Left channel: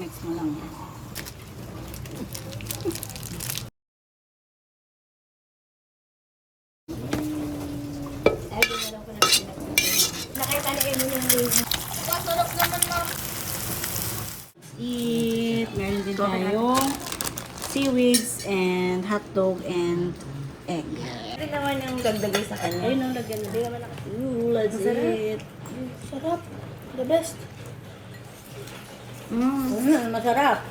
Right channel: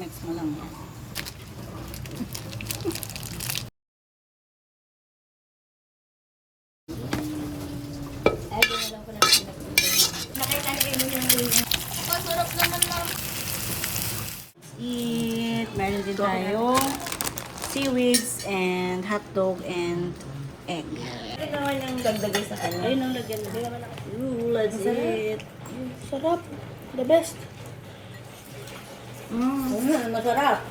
Mix mo lang. Masarap naman, ma'am. Eat. Meron din tayong seaweeds and hotdog and egg. Ito naman yung dagdagay sa kanya. Ayun ang lagyan na. Let's eat. Sarap. The best. Masarap.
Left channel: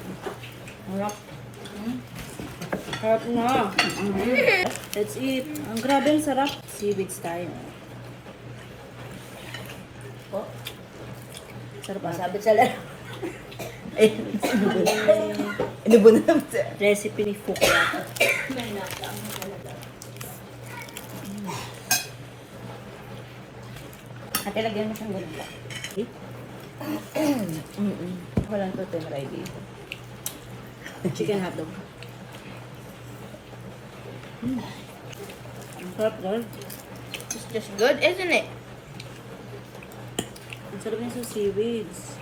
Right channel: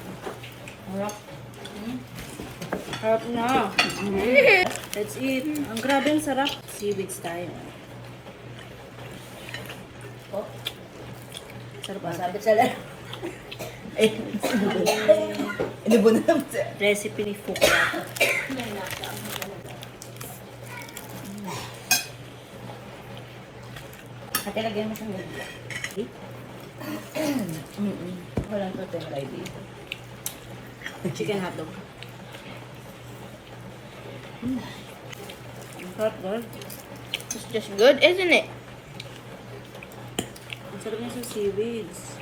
Sarap na. Let's eat. Ang grabe ang sarap. Seaweeds tayo. Oh, Sarap ba? sabit sa laro. Ano ba na naman siya? Recipe ni Fukla. Ate, lagyan mo siyang ganda. Walang to try dito. Chicken hotdog. Ang sarap girl. It's just good, isn't it? Ang sarap niya sa seaweeds.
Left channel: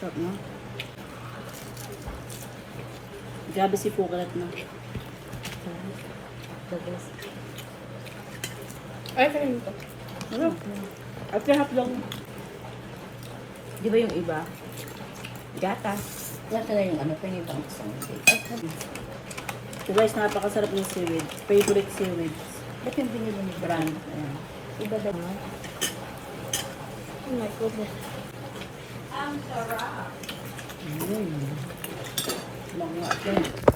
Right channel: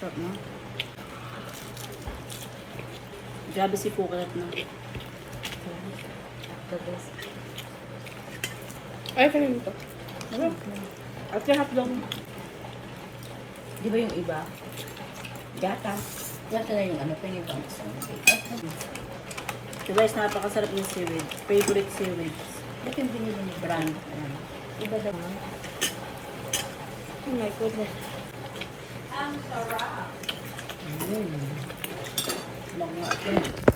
Sarap no? Grabe si Pukalat no? The best. Ay, kanin ito. Ano? At yung hotdog. Di ba yung iba? Gata. Gata na yung ano pa yung ibang isang. So guys, napakasarap ng seaweed. Favorite seaweed. Ba't yung binili ni Brand. Ayan. Iba daw no? Oh my goodness. Long nga.